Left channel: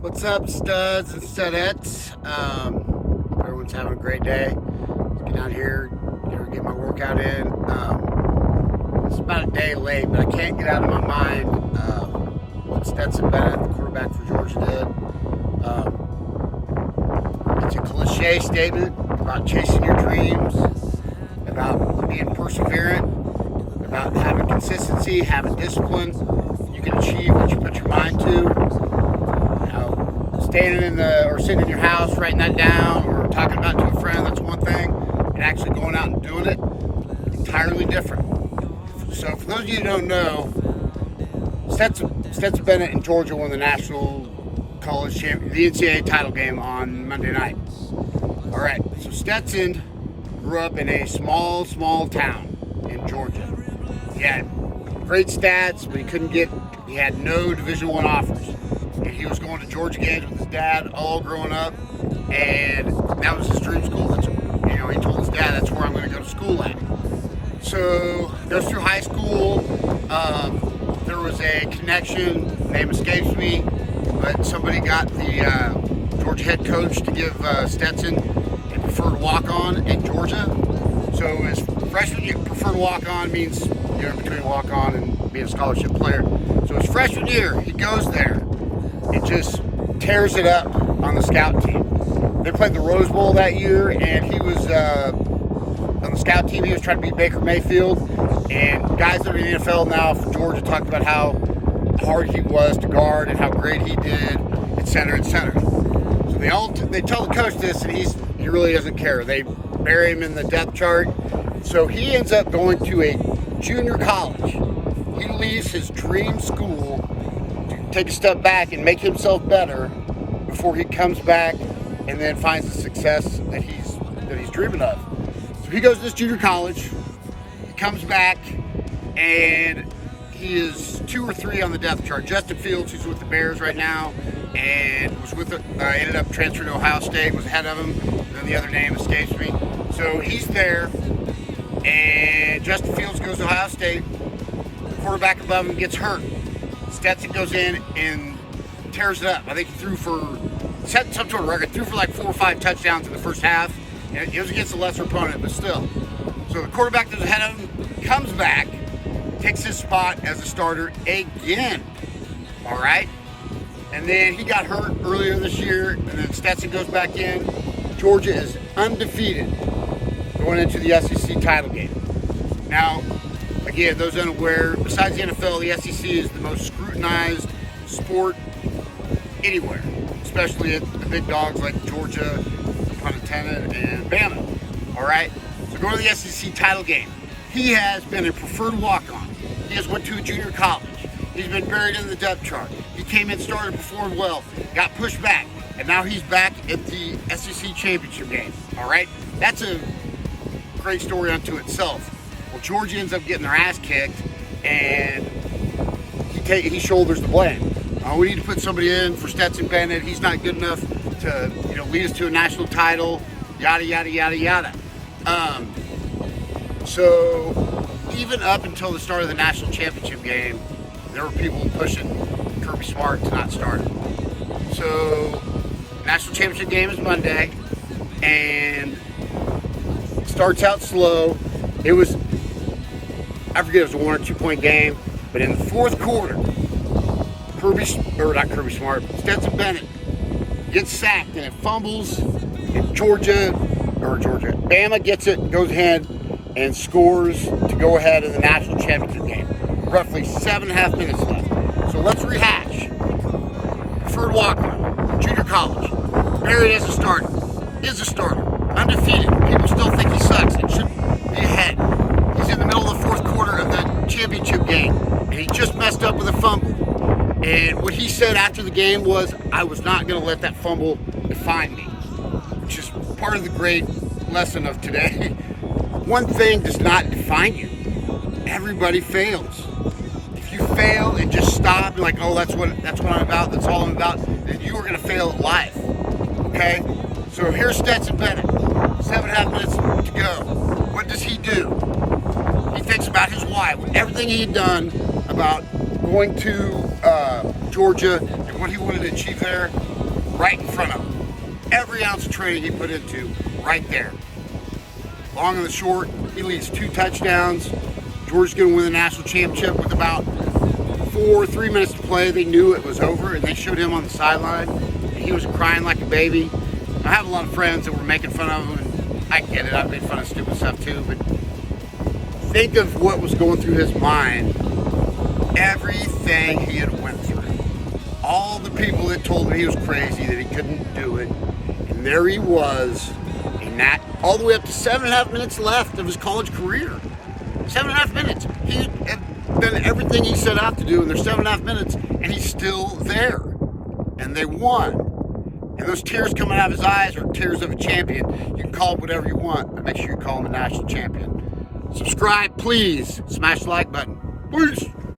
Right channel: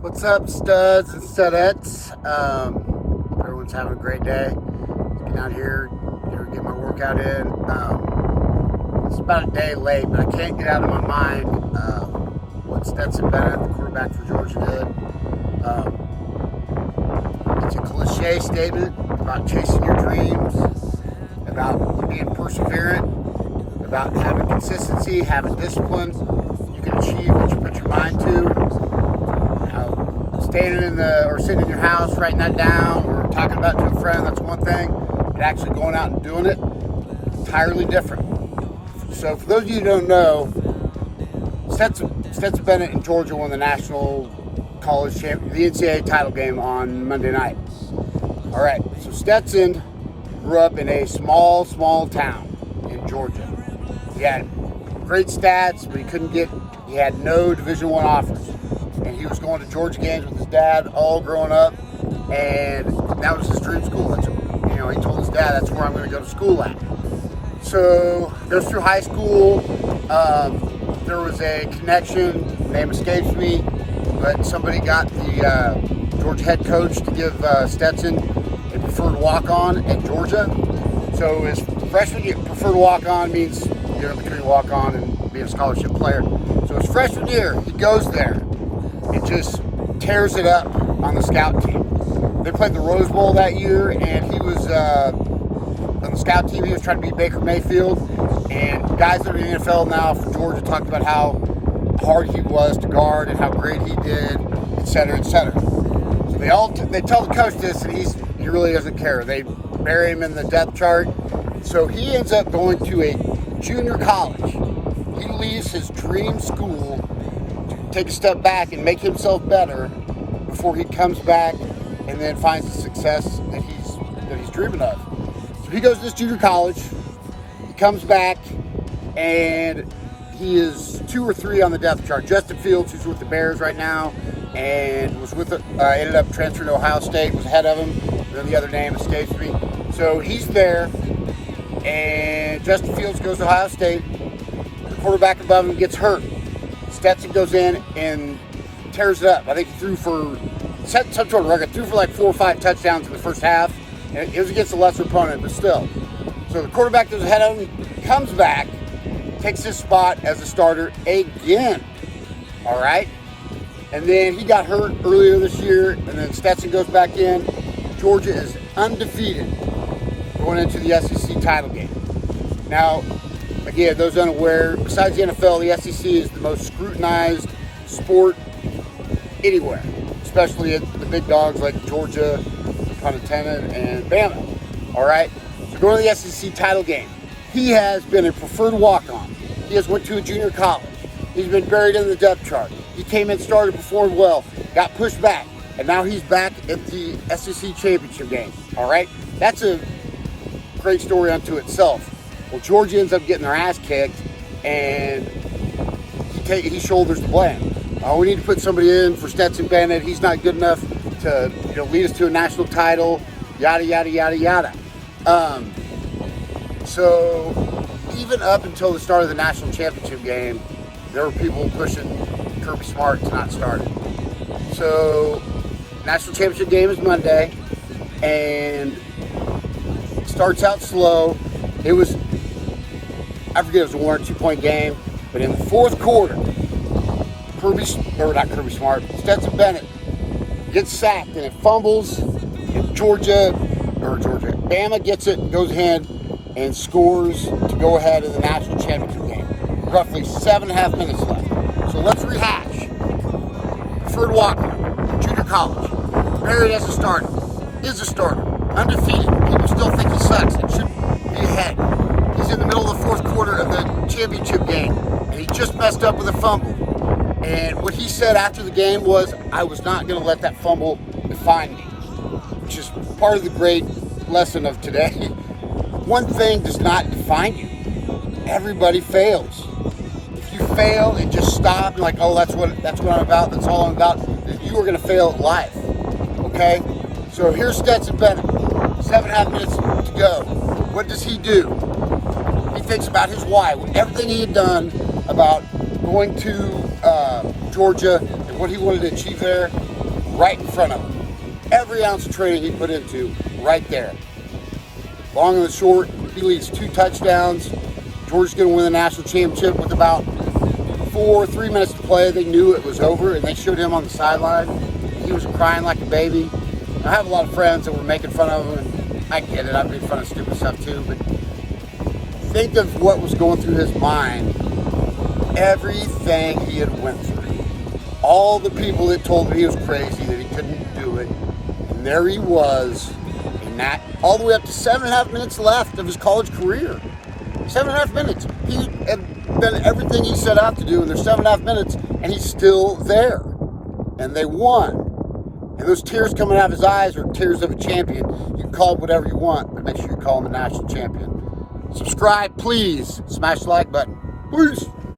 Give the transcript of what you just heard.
What's up, studs and studettes? Everyone's having a great day. Get out here, get my workout in. It's about a day late, but I can't get out of my mind what Stetson Bennett, the quarterback for Georgia, did. It's a cliche statement about chasing your dreams, about being perseverant, about having consistency, having discipline. You can achieve what you put your mind to. Standing sitting in your house, writing that down, or talking about it to a friend, that's one thing. But actually going out and doing it, entirely different. So for those of you who don't know, Stetson Bennett and Georgia won the national college the NCAA title game on Monday night. All right, so Stetson grew up in a small town in Georgia. He had great stats, but he had no Division I offers. And he was going to Georgia games with his dad all growing up, and that was his dream school. He told his dad, that's where I'm going to go to school at. So goes through high school. There was a connection, name escapes me, but somebody got the Georgia head coach to give Stetson a preferred walk-on in Georgia. So his freshman year, preferred walk-on means between walk-on and being a scholarship player. So his freshman year, he goes there. It just tears it up on the scout team. They played the Rose Bowl that year, and he was on the scout team. He was trying to beat Baker Mayfield, and guys that are in the NFL now from Georgia talked about how hard he was to guard and how great he did, et cetera, et cetera. So they tell the coach this, and he really doesn't care. They bury him in the depth chart. So he ends up going to a junior college. He leaves his dream school, take a step back and make himself better before he comes back and then finds the success that he's dreaming of. So he goes to this junior college, he comes back, and he is 2 or 3 on the depth chart. Justin Fields, who's with the Bears right now, and ended up transferring to Ohio State, was ahead of him, and then the other name escapes me. So he's there, and Justin Fields goes to Ohio State, quarterback above him gets hurt. Stetson goes in and tears it up. I think he set some sort of record, threw for like 4 or 5 touchdowns in the first half. And it was against a lesser opponent, but still. So the quarterback that was ahead of him comes back, takes his spot as a starter again. All right? And then he got hurt earlier this year, and then Stetson goes back in. Georgia is undefeated going into the SEC title game. Now, again, those unaware, besides the NFL, the SEC is the most scrutinized sport anywhere, especially at the big dogs like Georgia, pun intended, and Bama. All right? So going to the SEC title game, he has been a preferred walk-on. He has went to a junior college. He's been buried in the depth chart. He came in, started, performed well, got pushed back, and now he's back at the SEC championship game. All right? That's a great story unto itself. Well, Georgia ends up getting their ass kicked, and he shoulders the blame. We need to put somebody in for Stetson Bennett. He's not good enough to lead us to a national title. Yada yada yada yada. So even up until the start of the national championship game, there were people pushing Kirby Smart to not start it. So national championship game is Monday, and it starts out slow. I forget if it was a 1 or 2 point game, but in the fourth quarter, Stetson Bennett gets sacked and it fumbles, and Bama gets it, goes ahead and scores to go ahead in the national championship game. Roughly 7.5 minutes left. So let's rehash. Preferred walk-on, junior college, buried as a starter, is a starter, undefeated. People still think he sucks and should be ahead. He's in the middle of the fourth quarter of the championship game, and he just messed up with a fumble. And what he said after the game was, I was not going to let that fumble define me, which is part of the great lesson of today. One thing does not define you. Everybody fails. If you fail and just stop and that's what I'm about, that's all I'm about, then you are going to fail at life. Okay? So here's Stetson Bennett. 7.5 minutes to go. What does he do? He thinks about his why. Everything he had done about going to Georgia and what he wanted to achieve there, right in front of him. Every ounce of training he put into, right there. Long and the short, he leads 2 touchdowns. Georgia's going to win the national championship with about 3 minutes to play. They knew it was over, and they showed him on the sideline. He was crying like a baby. I have a lot of friends that were making fun of him, and I get it. I made fun of stupid stuff too, but think of what was going through his mind. Everything he had went through. All the people that told him he was crazy, that he couldn't do it. And there he was, in that, all the way up to 7.5 minutes left of his college career. 7.5 minutes. He had done everything he set out to do in their 7.5 minutes, and he's still there. And they won. And those tears coming out of his eyes are tears of a champion. You can call it whatever you want, but make sure you call him a national champion. Subscribe, please. Smash the like button. Peace.